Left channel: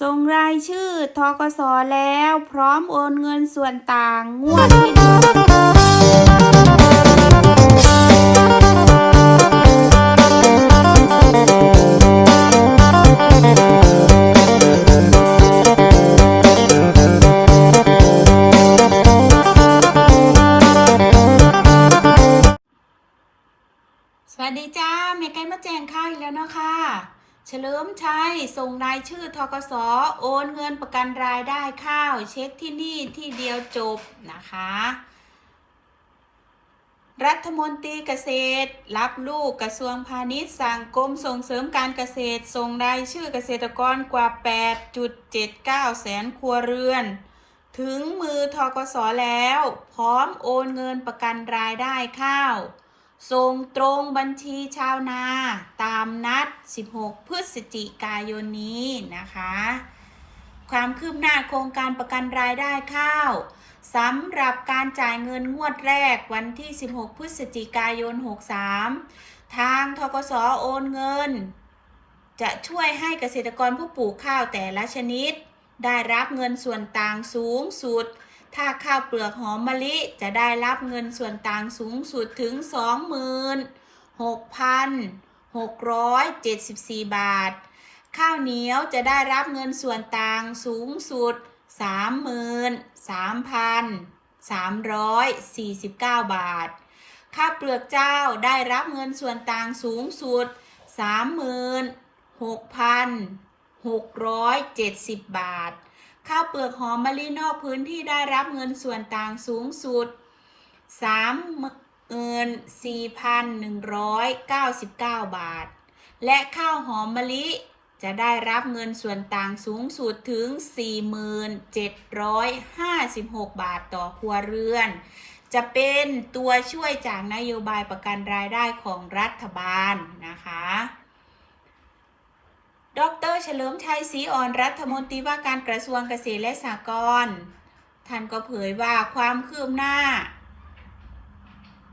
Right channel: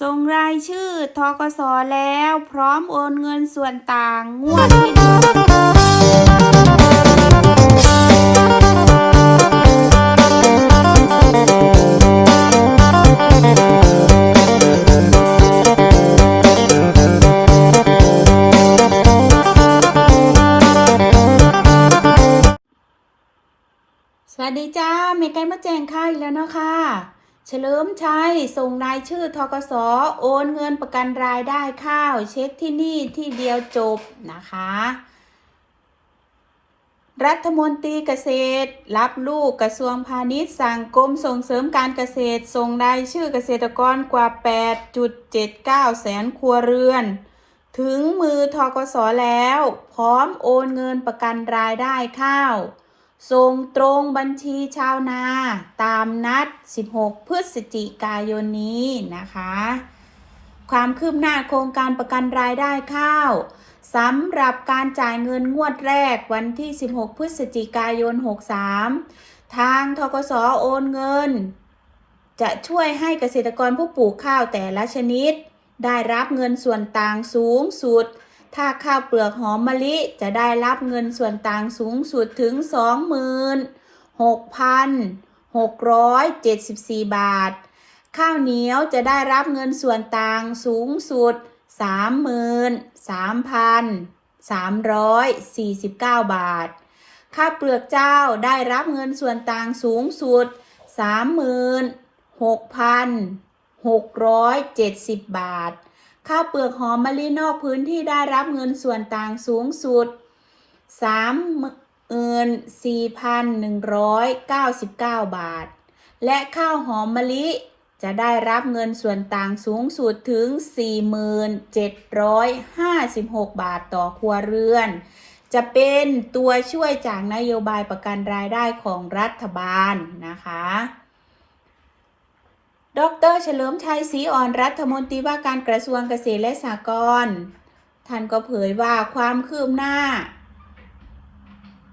ส่งรายชื่อทกสแล้วพร้อมโอนเงินส่วนต่างงวดที่หนึ่งสวัสดีจ้าเมกไกมาแจ้งข่าวอีกแล้วเนาะค่ะ เฉลิมชัยส่งรายชื่อทกสโอนเงินประกันรายได้ข้าว เช็คที่นี่ที่เดียวจบนะคะ รัฐมนตรีเกษตร รับลูกกระทรวงพาณิชย์สั่งกรมส่งเสริมการเกษตร ส่งรายชื่อเกษตรกรกว่า 8.79 แสนครัวเรือน ถึงมือทกสแล้ว พร้อมโอนเงินประกันรายได้ข้าว ส่งตรงบัญชีชาวนาตามนัด 16 พฤศจิกายนนี้นะคะ ความคืบหน้าโครงการประกันรายได้ข้าวสำหรับการจ่ายเงินงวดแรกวันที่ 16 พฤศจิกายน 63 ทางทกสโอนเงิน จะช่วยให้เกษตรกรผู้ปลูกข้าวแต่ละชนิด ได้รับเงินส่วนต่างสูงสุด ถ้าข้าวเปลือกหอมมะลิจะได้รับเงินส่วนต่างสูงสุดถึง 26,674 บาท ข้าวเหนียวจะได้รับเงินส่วนต่างสูงสุด 33,349 บาท ข้าวเปลือกเจ้าได้รับเงินส่วนต่างสูงสุด 36,670 บาท ข้าวเปลือกหอมมะลินอกพื้นที่ได้รับเงินส่วนต่างสูงสุด 34,199 บาท และข้าวหอมมะลิจะได้รับเงินส่วนต่างสูงสุดถึง 4,756 บาทต่อครัวเรือน จะเป็นตัวช่วยจากนโยบายประกันรายได้ของรัฐบาลนะคะ ดรเฉลิมชัยศรีอ่อนรัฐมนตรีว่าการกระทรวงเกษตรและสหกรณ์ท่านก็เผยว่าความคืบหน้า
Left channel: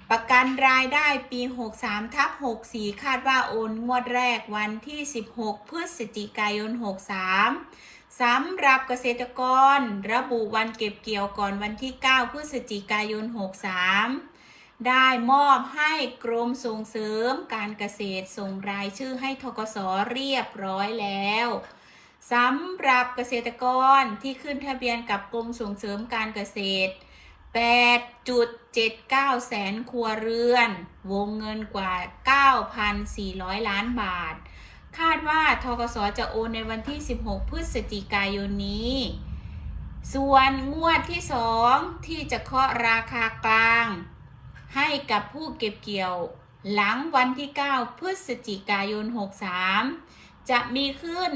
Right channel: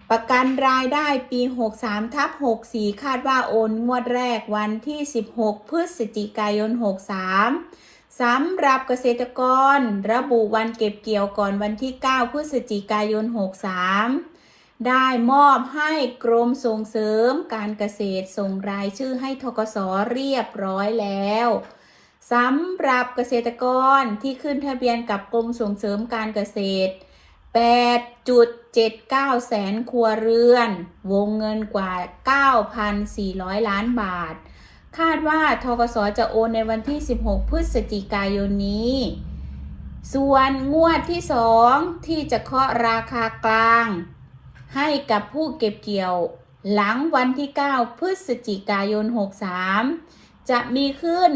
ประกันรายได้ปี 63ทับ64 คาดว่าโอนงวดแรกวันที่ 16 พฤศจิกายน 63 สำหรับเกษตรกร ระบุวันเก็บเกี่ยวก่อนวันที่ 9 พฤศจิกายน 63 ได้มอบให้กรมส่งเสริมการเกษตรส่งรายชื่อให้ทกสเรียบร้อยแล้วสำหรับเกษตรกรที่ขึ้นทะเบียนกับกรมส่งเสริมการเกษตร 8.79 แสนครัวเรือน วงเงินกว่า 9,400 ล้านบาท คาดว่าทกสจะโอนในวันที่ 16 พฤศจิกายนนี้ ส่วนงวดที่ 2 ที่จะเคาะราคากลาง ให้กับผู้เก็บเกี่ยว หลังวันที่ 9 พฤศจิกายน 63 จะมีขึ้น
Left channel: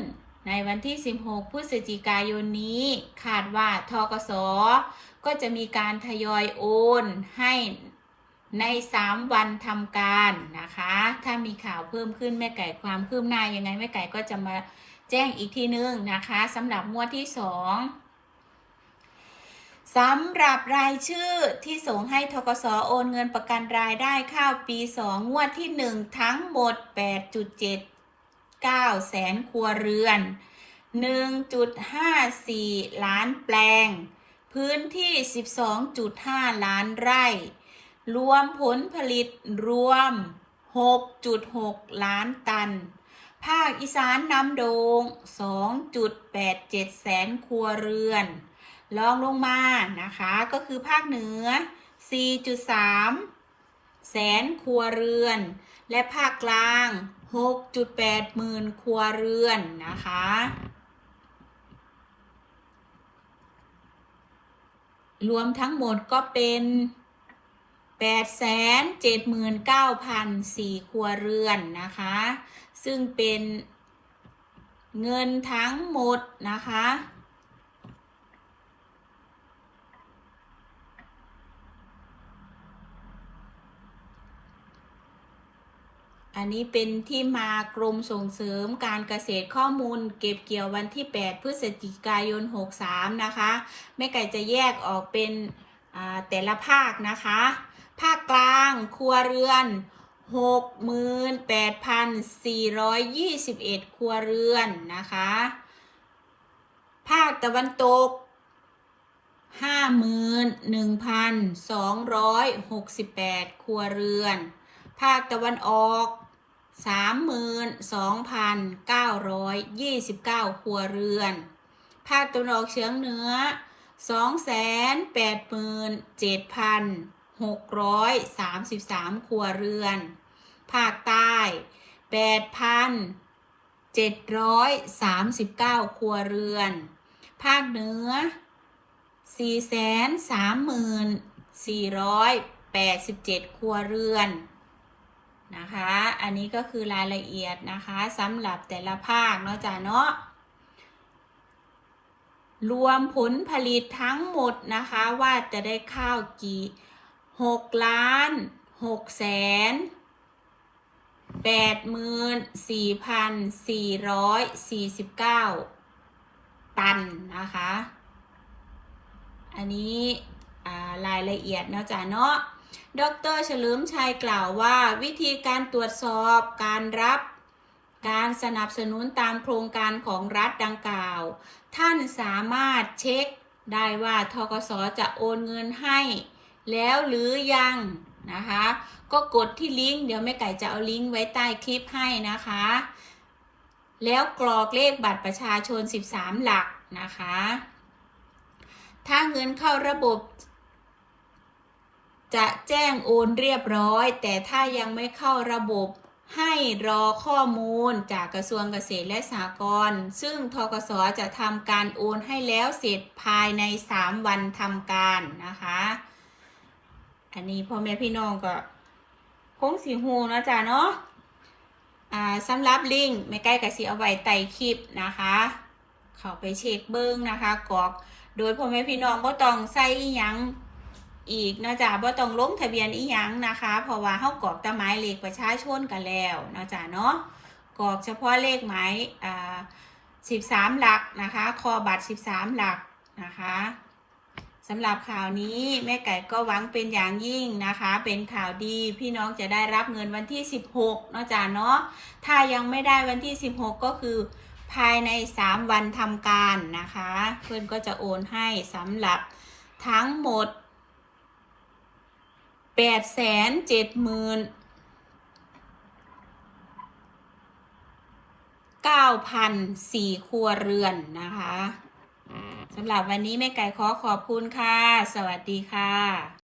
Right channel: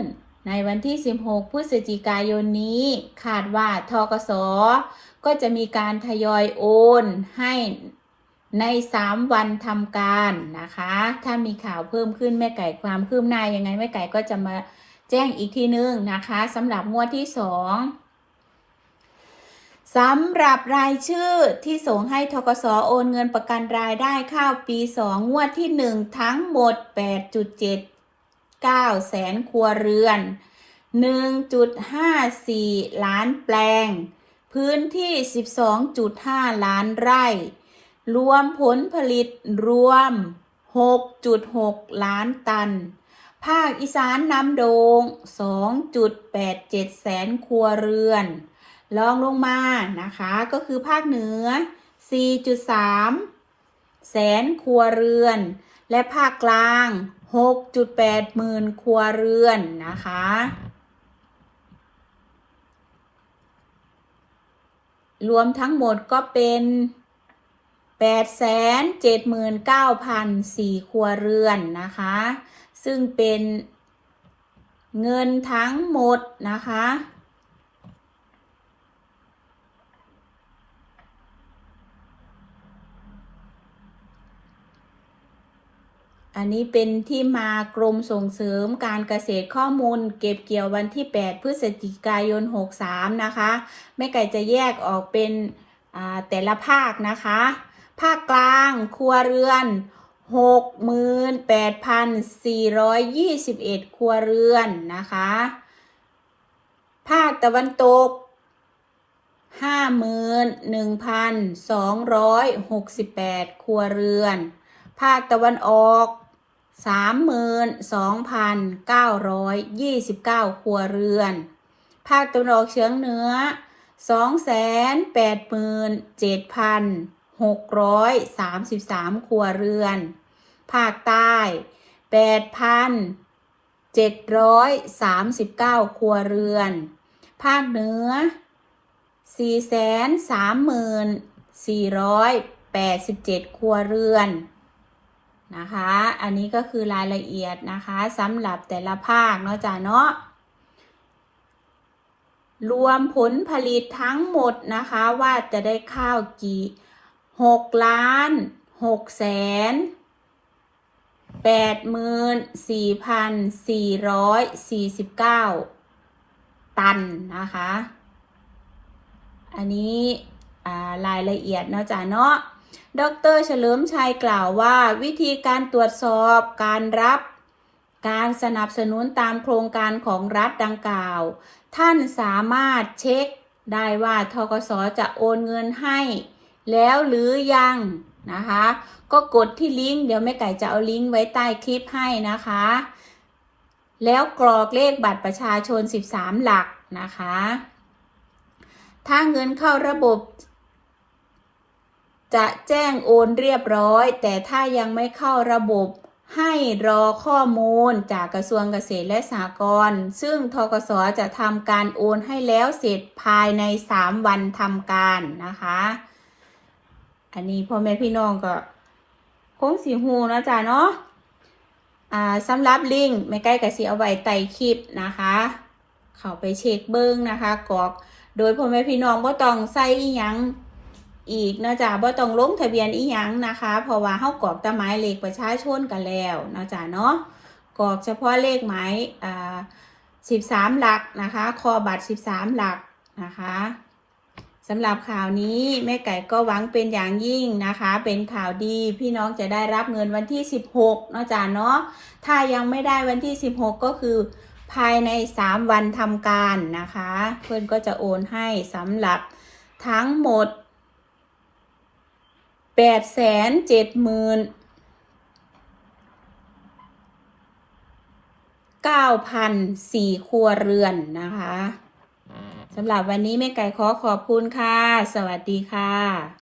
ในวันที่ 16 พฤศจิกายนนี้ คาดว่าทกส ก็จะมีการทยอยโอนให้ใน 3 วันทำการนะคะ ถ้ามีข่าวเพิ่มขึ้นแม่ไก่ความคืบหน้ายังไงแม่ไก่ก็จะมาแจ้งอีกทีนึงนะคะสำหรับงวดที่ 2 สำหรับรายชื่อที่ส่งให้ทกสโอนเงินประกันรายได้ข้าวปี 2 งวดที่ 1 ทั้งหมด 8.79 แสนครัวเรือน 1.54 ล้านแปลง พื้นที่ 12.5 ล้านไร่ รวมผลผลิตรวม 6.6 ล้านตัน ภาคอีสานนำโดง 2.87 แสนครัวเรือน ลองลงมานะคะ ก็คือภาคเหนือ 4.3 แสนครัวเรือน และภาคกลาง 6.8 หมื่นครัวเรือนนะคะรวมทั้งหมดก็เป็น879,004 ครัวเรือนนะคะ ซึ่งเป็นเงินทั้งหมดนะคะ อันนี้เป็นที่มากรมส่งเสริมการเกษตรข้อมูล เก็บเกี่ยววันที่ 8 พฤศจิกายน 63 นะคะ แม่ไก่จะแยกออกเป็นแต่ละภาคนะคะ ภาคกลางครัวเรือน 68,421 ครัวเรือนนะคะ ภาคตะวันตกห้าหมื่นหนึ่งพันสองร้อยหกสิบแปดครัวเรือนภาคตะวันออก สามหมื่นสองพันเก้าร้อยยี่สิบเก้าครัวเรือน ภาคตะวันออกเฉียงเหนือสองแสนแปดหมื่นเจ็ดพันหกร้อยสามสิบสามครัวเรือน ภาคใต้แปดพันเจ็ดร้อยสามสิบเก้าครัวเรือน ภาคเหนือสี่แสนสามหมื่นสี่ร้อยแปดสิบเจ็ดครัวเรือน นะคะ อันนี้ก็คือรายละเอียดนะคะสำหรับแต่ละภาคเนาะจ้ะเนาะรวมผลผลิตทั้งหมดนะคะว่าจะได้ข้าวกี่หกล้านหกแสนแปดหมื่นสี่พันสี่ร้อยสี่สิบเก้าตันนะคะ อันนี้ารายละเอียดเนาะจ๊ะเนาะ ดรเฉลิมชัยกล่าวว่า วิธีการตรวจสอบการรับการสนับสนุนตามโครงการของรัฐดังกล่าว ท่านสามารถเช็คได้ว่าทกสจะโอนเงินให้ แล้วหรือยังนะคะ ก็กดที่ลิงก์เดี๋ยวแม่ไก่จะเอาลิงก์ไว้ใต้คลิปให้นะคะ แล้วกรอกเลขบัตรประชาชน 13 หลักนะคะ ถ้าเงินเข้าระบบ จะแจ้งโอนเรียบร้อย แต่ถ้ายังไม่เข้าระบบให้รอข้อมูลจากกระทรวงเกษตรและสหกรณ์ซึ่งทกสจะทำการโอนให้แล้วเสร็จภายใน 3 วันทำการนะคะ อันนี้พ่อแม่พี่น้องก็คงสีหูนะจ๊ะเนาะอ่าสำหรับลิงก์ไม่ใกล้กับสีเอาไว้ใต้คลิปนะคะ เข้าไปเช็คเบิ้งนะคะกรอกโดยพ่อแม่พี่น้องบ่ต้องใส่อีหยัง อีกเนาะจ๊ะบ่ต้องลงทะเบียนอีหยังนะคะ เพราะว่าเฮากรอกแต่หมายเลขประชาชนกันแล้วเนาะจ๊ะเนาะกรอกเฉพาะเลขหมายอ่า13หลักนะคะคอบัตร13หลักนะคะสำหรับข่าวนี้แม่ไก่ก็หวังเป็นอย่างยิ่งนะคะ เป็นข่าวดีพี่น้องจะได้รับเงินวันที่ 16เนาะจ๊ะเนาะถ้ายังไม่ได้วันที่ 16 ก็คือภายใน 3 วันทำการนะคะ เพื่อนก็จะโอนให้สำหรับทั้งหมด 8 7 0 0 0 9,004ครัวเรือนนะคะสำหรับวันนี้แม่ไก่ขอขอบคุณค่ะ สวัสดีค่ะ